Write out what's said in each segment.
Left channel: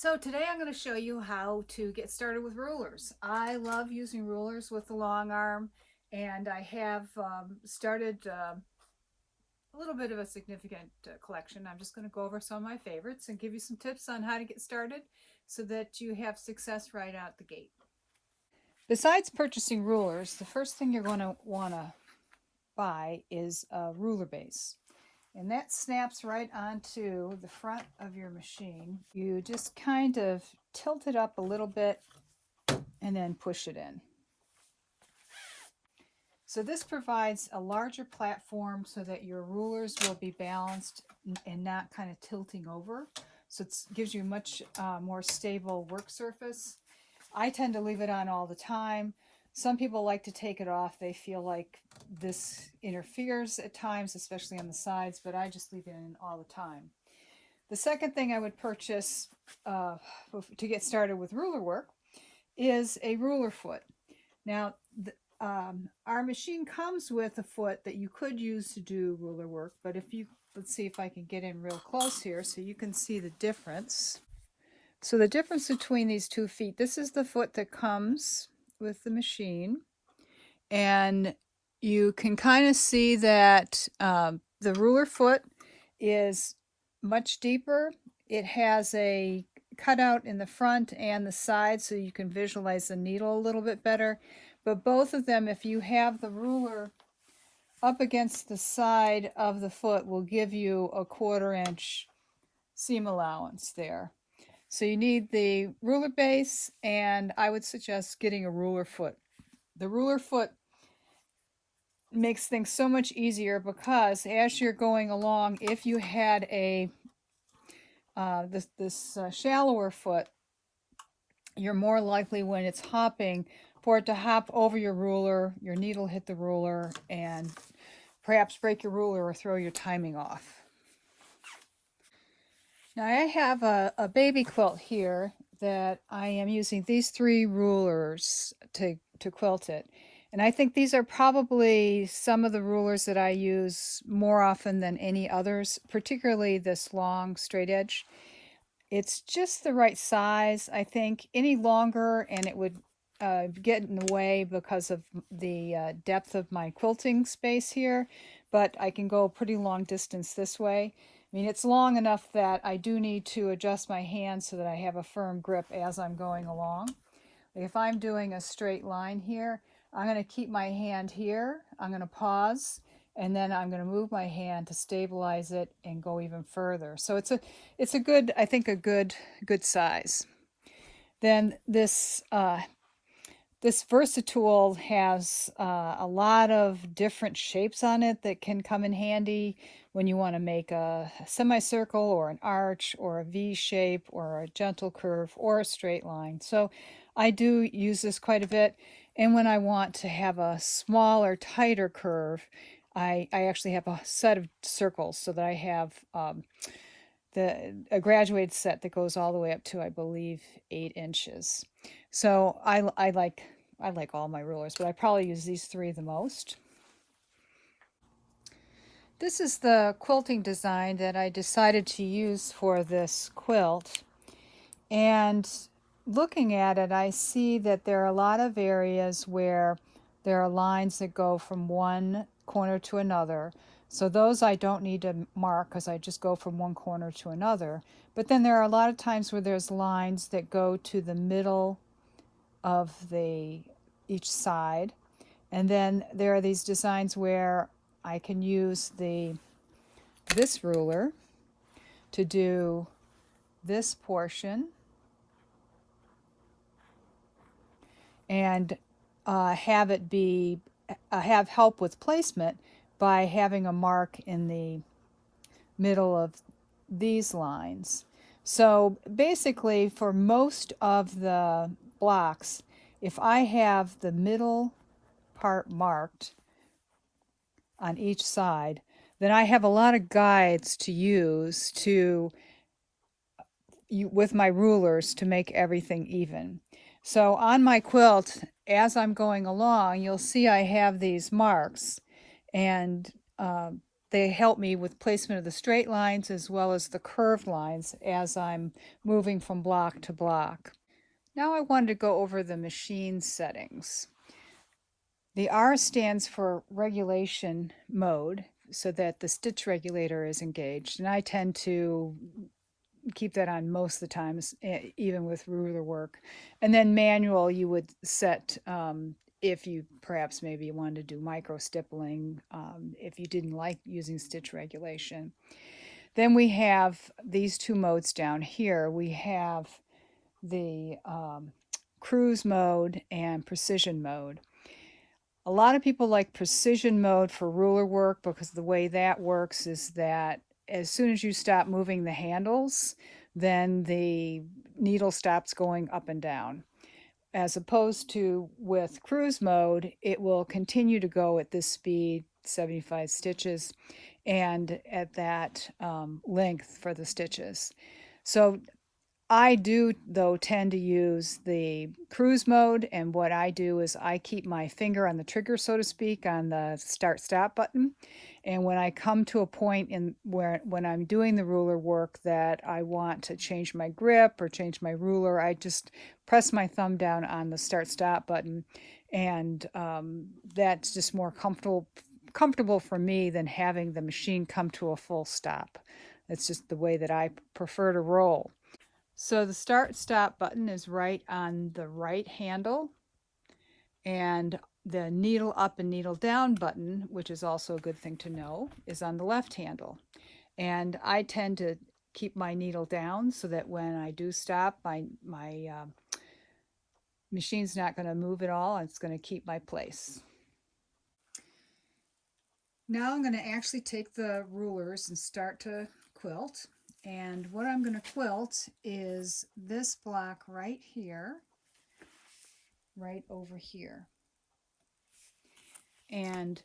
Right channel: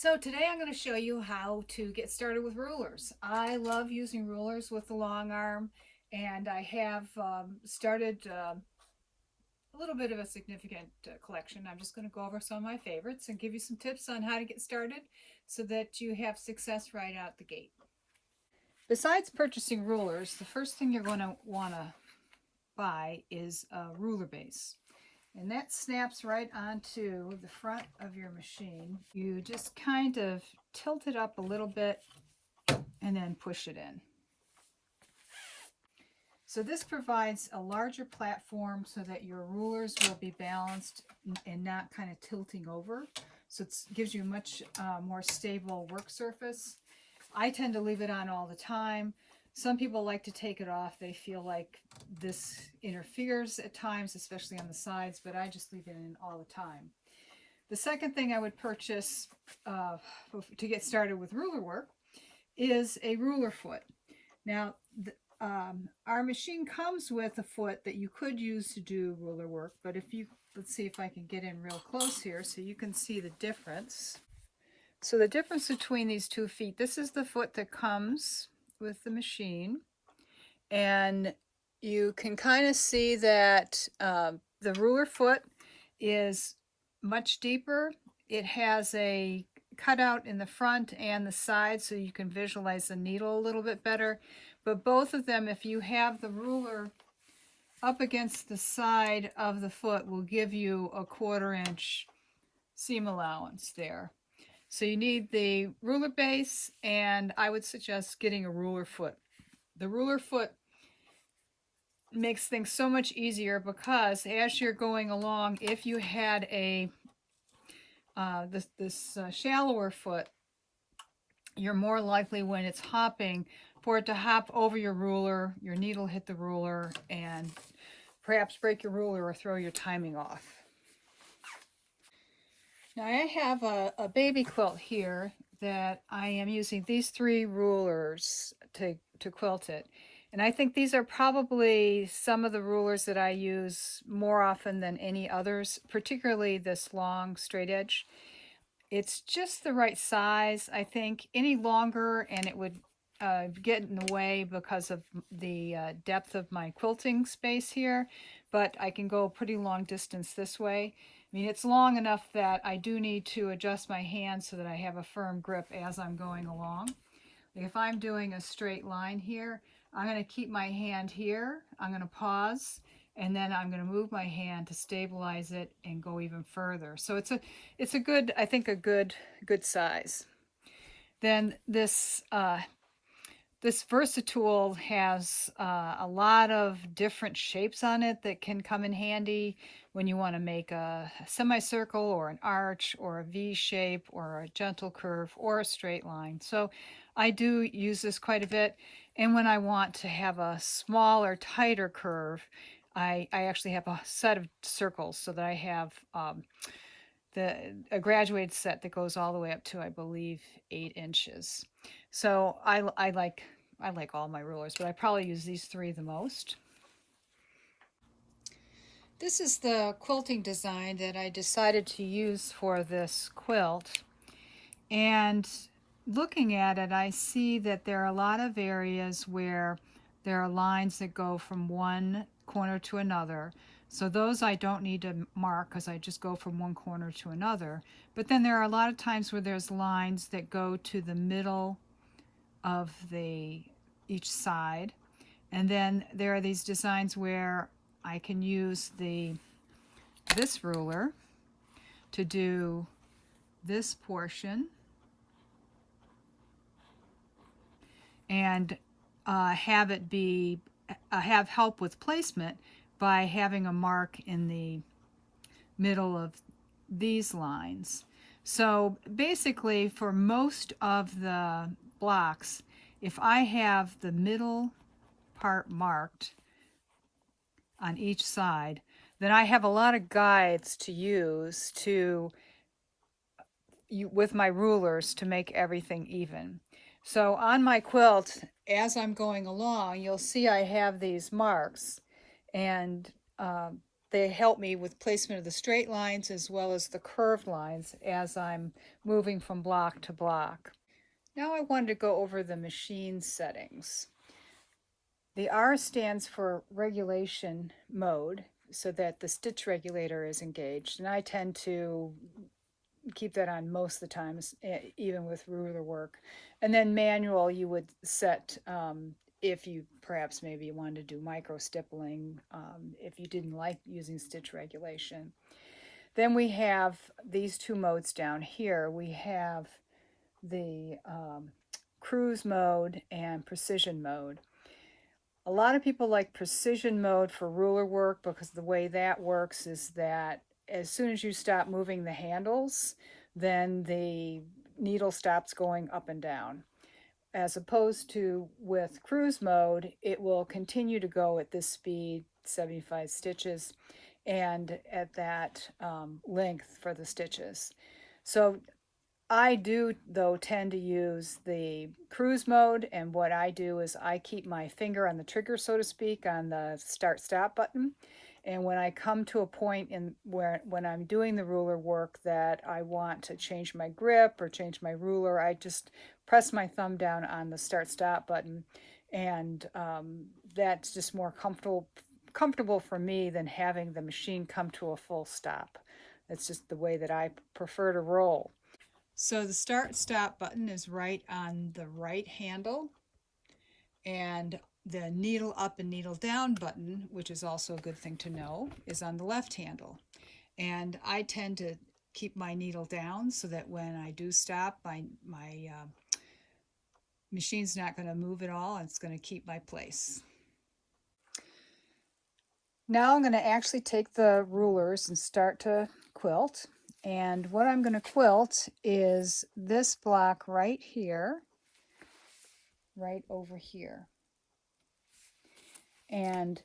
So today I'm going to show you how to get started with rulers. I love using rulers with the long arm, and I have started a little bit of a significant collection. I'm just going to go over some of my favorites and give you some tips on how to get started so that you have success right out the gate. Besides purchasing rulers, the first thing you're going to want to buy is a ruler base. And that snaps right onto the front of your machine. You just kind of tilt it up a little bit and then push it in. So this provides a larger platform so that your rulers will be balanced and not kind of tilting over. So it gives you a much more stable work surface. I tend to leave it on all the time. Some people like to take it off. They feel like this interferes at times, especially on the sides, but I just leave it in all the time. The second thing I would purchase to get started with ruler work is a ruler foot. Now, our machine comes with a foot that you could use to do ruler work, but let's see if I can get in real close here so you can see the difference. So the difference between these 2 feet, this is the foot that comes with the machine, and you can kind of see that the ruler foot is much deeper. It has a cutout in the front and the side so you can visualize the needle a little bit better. But both of them, if you have the ruler up against the side of the foot, will give you a 1/4 inch seam allowance there. So you need the ruler base, and I would suggest getting a ruler foot. The ruler foot makes things so much easier because as you're going along, if you had a this shallower foot, you're more likely when it's hopping for it to hop over your ruler, your needle hit the ruler, and perhaps break your ruler or throw your timing off. Now I have a baby quilt here that I am using these 3 rulers to quilt it. And I think these are probably some of the rulers that I use more often than any others, particularly this long straight edge. It's just the right size. I think any longer and it would get in the way because of the depth of my quilting space here, but I can go a pretty long distance this way. I mean, it's long enough that I do need to adjust my hand so that I have a firm grip as I'm going along. If I'm doing a straight line here, I'm going to keep my hand here, I'm going to pause, and then I'm going to move my hand to stabilize it and go even further. So it's a good, I think a good size. Then this Versatool has a lot of different shapes on it that can come in handy when you want to make a semicircle or an arch or a V shape or a gentle curve or a straight line. So I do use this quite a bit. And when I want to have a smaller, tighter curve, I actually have a set of circles so that I have a graduated set that goes all the way up to, I believe, 8 inches. So I like all my rulers, but I probably use these 3 the most. This is the quilting design that I decided to use for this quilt. And looking at it, I see that there are a lot of areas where there are lines that go from one corner to another. So those I don't need to mark because I just go from one corner to another. But then there are a lot of times where there's lines that go to the middle of each side. And then there are these designs where I can use this ruler to do this portion and have it be have help with placement by having a mark in the middle of these lines. So basically for most of the blocks, if I have the middle part marked on each side, then I have a lot of guides to use with my rulers to make everything even. So on my quilt, as I'm going along, you'll see I have these marks, and they help me with placement of the straight lines as well as the curved lines as I'm moving from block to block. Now I wanted to go over the machine settings. The R stands for regulation mode, so that the stitch regulator is engaged, and I tend to keep that on most of the times, even with ruler work. And then manual, you would set if you perhaps maybe wanted to do micro stippling, if you didn't like using stitch regulation. Then we have these two modes down here. We have the cruise mode and precision mode. A lot of people like precision mode for ruler work because the way that works is that as soon as you stop moving the handles, then the needle stops going up and down. As opposed to with cruise mode, it will continue to go at this speed, 75 stitches, and at that length for the stitches. So I do, though, tend to use the cruise mode, and what I do is I keep my finger on the trigger, so to speak, on the start stop button. And when I come to a point in where when I'm doing the ruler work that I want to change my grip or change my ruler, I just press my thumb down on the start stop button, and that's just more comfortable for me than having the machine come to a full stop. That's just the way that I prefer to roll. So the start stop button is right on the right handle, and the needle up and needle down button, which is also a good thing to know, is on the left handle. And I tend to keep my needle down so that when I do stop, my machine's not going to move at all. It's going to keep my place. Now I'm going to actually take the rulers and start to quilt. And what I'm going to quilt is this block right here, right over here. And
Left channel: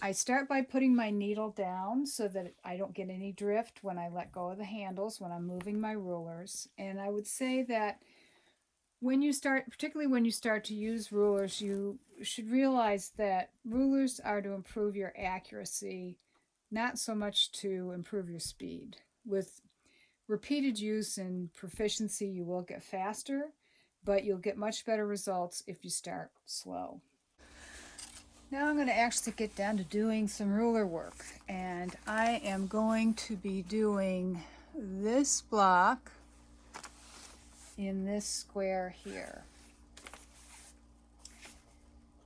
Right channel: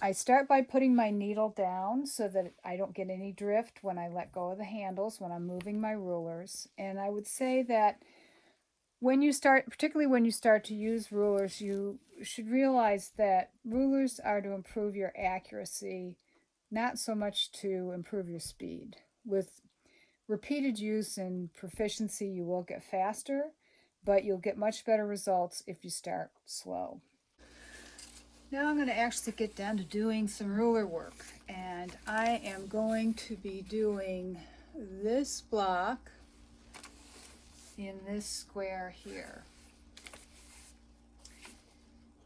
I start by putting my needle down so that I don't get any drift when I let go of the handles when I'm moving my rulers. And I would say that when you start, particularly when you start to use rulers, you should realize that rulers are to improve your accuracy, not so much to improve your speed. With repeated use and proficiency, you will get faster, but you'll get much better results if you start slow. Now I'm going to actually get down to doing some ruler work, and I am going to be doing this block in this square here.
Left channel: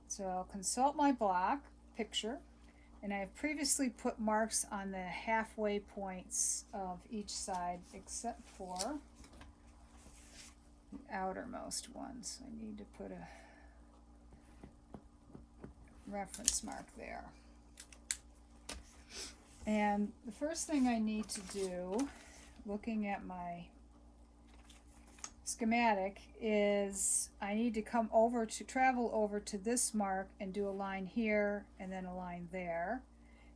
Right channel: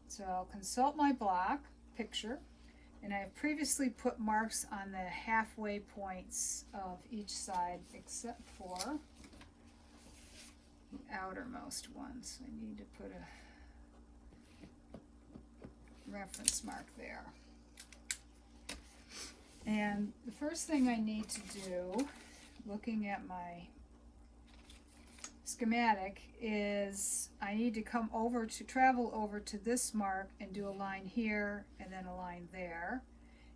So I'll consult my block picture, and I have previously put marks on the halfway points of each side except for the outermost ones. I need to put a reference mark there. And the first thing I need to do, looking at my schematic, is I need to travel over to this mark and do a line here and then a line there,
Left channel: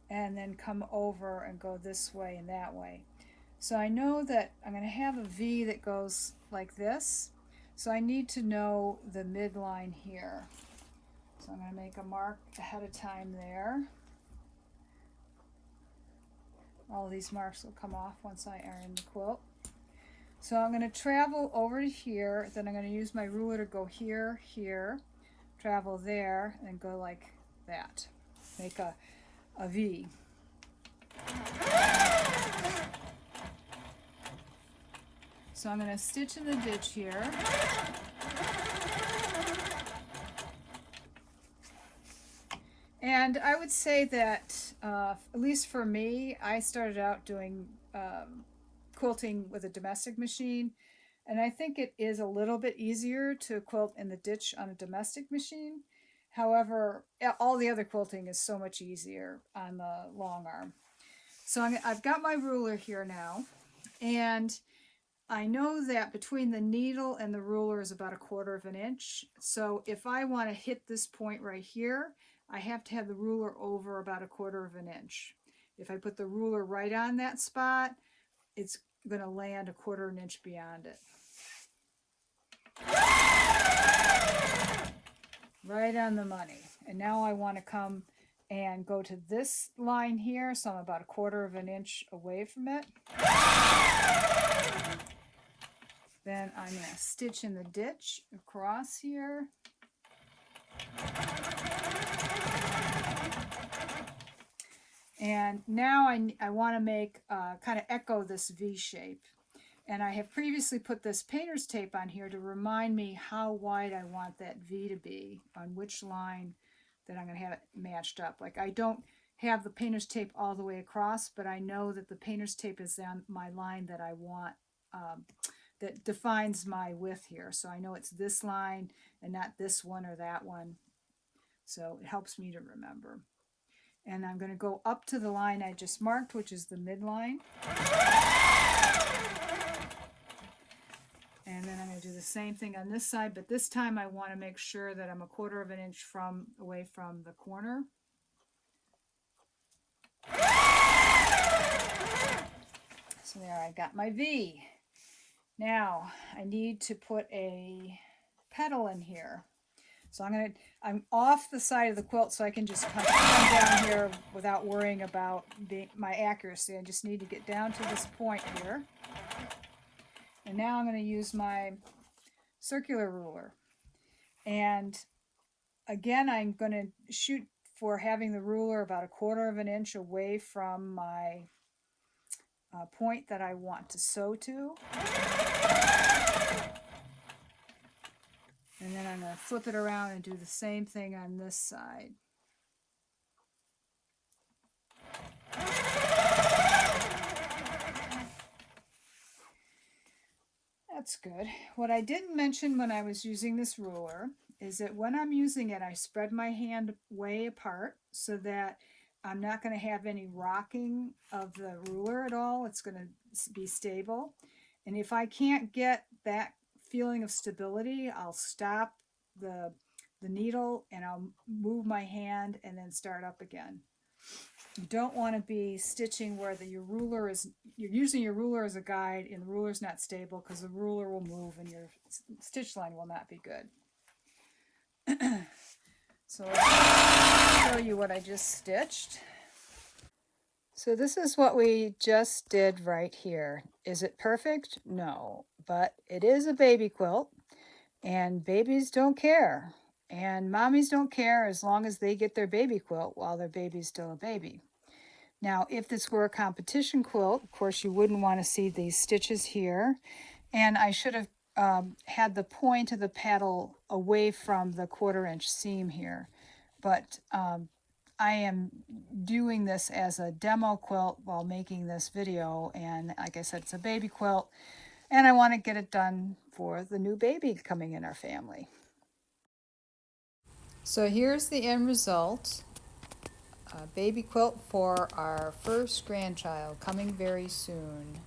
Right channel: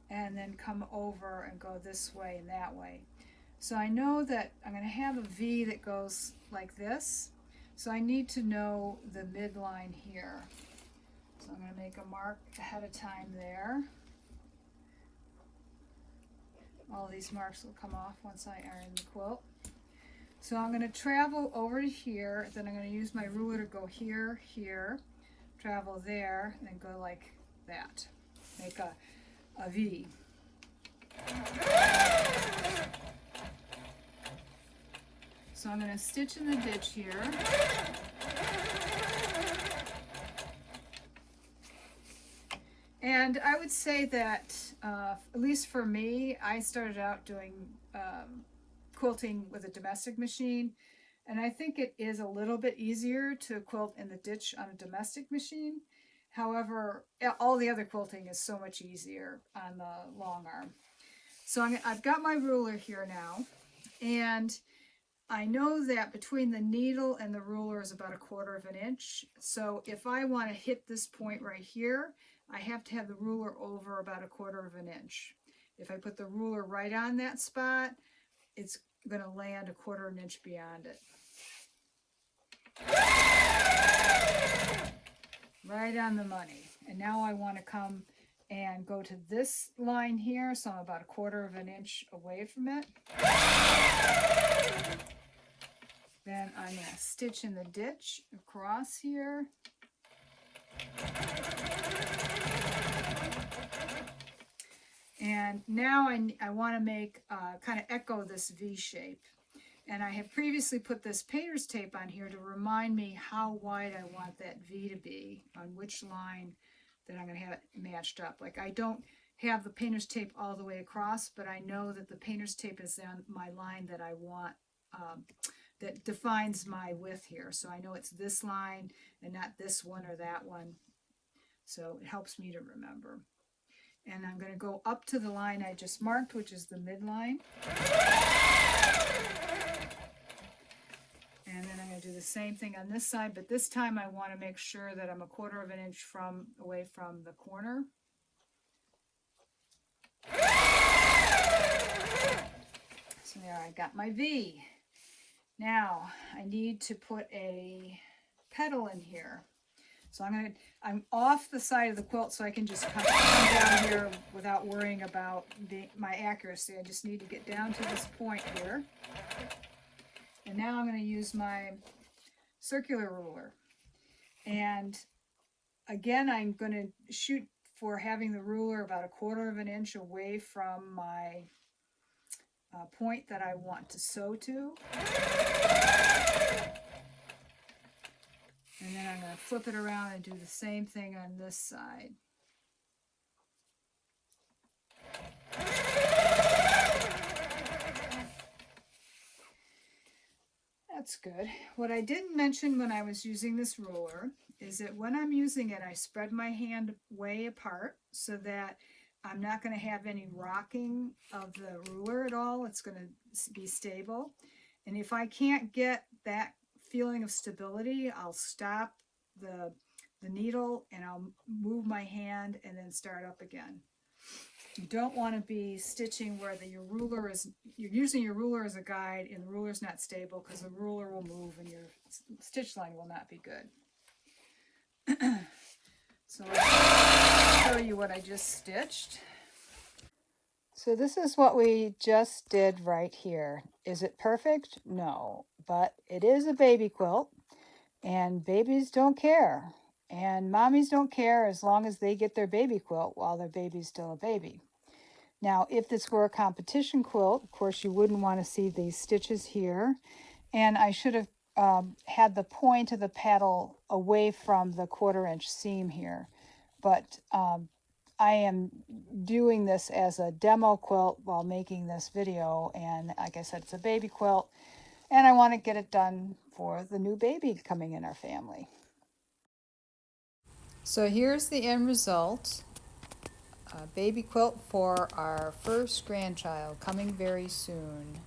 and then come over and go this way and that way. So I know that I'm going to have a V that goes like this, so I need to know the midline here. So I'm going to make a mark ahead of time there. All of these marks will come off once I iron the quilt. So I'm going to travel over to here, then I'm going to use my ruler to go here, here, travel there, and go like that. Make a V. So I'm going to stitch in the ditch here. And I would say that, at least for me, I started out doing quilting with a domestic machine, and I think it is a little bit easier to quilt in the ditch on a domestic machine. However, all the other quilting is so much easier on the long arm. So I've got my ruler here now, and I know that between the needle and the ruler is about 1/4 of an inch. So if I want to hit this point right here, I have to have the ruler over about 1/4 of an inch. If I put the ruler right on that spot, it's going to land 1/4 of an inch beyond it. Right on the money. And now I want to come and go to this line here, so I'm about 1/4 of an inch away from it. Then I'm going to stitch in the ditch across here. And now I want to make kind of echo this V shape. And I have previously put this painter's tape on here to remind me how wide I want that V to be, on which line that I'm going to have it matched up. Like, I don't have the painter's tape all the way across, but I know that the painter's tape is on my line that I want, that defines my width here. So I know it's this line and not this one or that one. So it helps me to remember. And I'm going to go up to the line I just marked, which is the midline. And then I'm going to do the same thing on this side, but this time I want to make sure that I'm 1/4 of an inch away from the corner. So there, I got my V. Now I need to put a petal in here. So I'm off the side of the quilt, so I can just come down here without worrying about my accuracy. I just need to get down to this point here. And now I'm going to use my circular ruler. And again, I'm going to shoot for having the ruler about 1/4 of an inch away from my point that I want to sew to. And then I'm going to flip it around and do the same thing on this side. That's good. What I didn't mention when I was using this ruler is that when I'm using it, I spread my hand way apart so that I'm not going to have any rocking of the ruler at all. It's going to be stable. And if I can't get that feeling of stability, I'll stop the needle and I'll move my hand and then start up again. You don't want to be stitching where you're using your ruler as a guide and the ruler's not stable, because the ruler will move and your stitch line will not be good. So I'll show you what I just stitched. So this is what we just did right here. Is it perfect? No, but it is a baby quilt, and babies don't care. And mommies don't care as long as they get their baby quilt while their baby's still a baby. Now, if this were a competition quilt, of course, you wouldn't want to see these stitches here. And I should have had the point of the paddle away from the 1/4 inch seam here. But I am doing this as a demo quilt while making this video. And like I said, it's a baby quilt. And I want to get it done for the new baby coming in our family. So here's the end result. A baby quilt for our first grandchild coming very soon.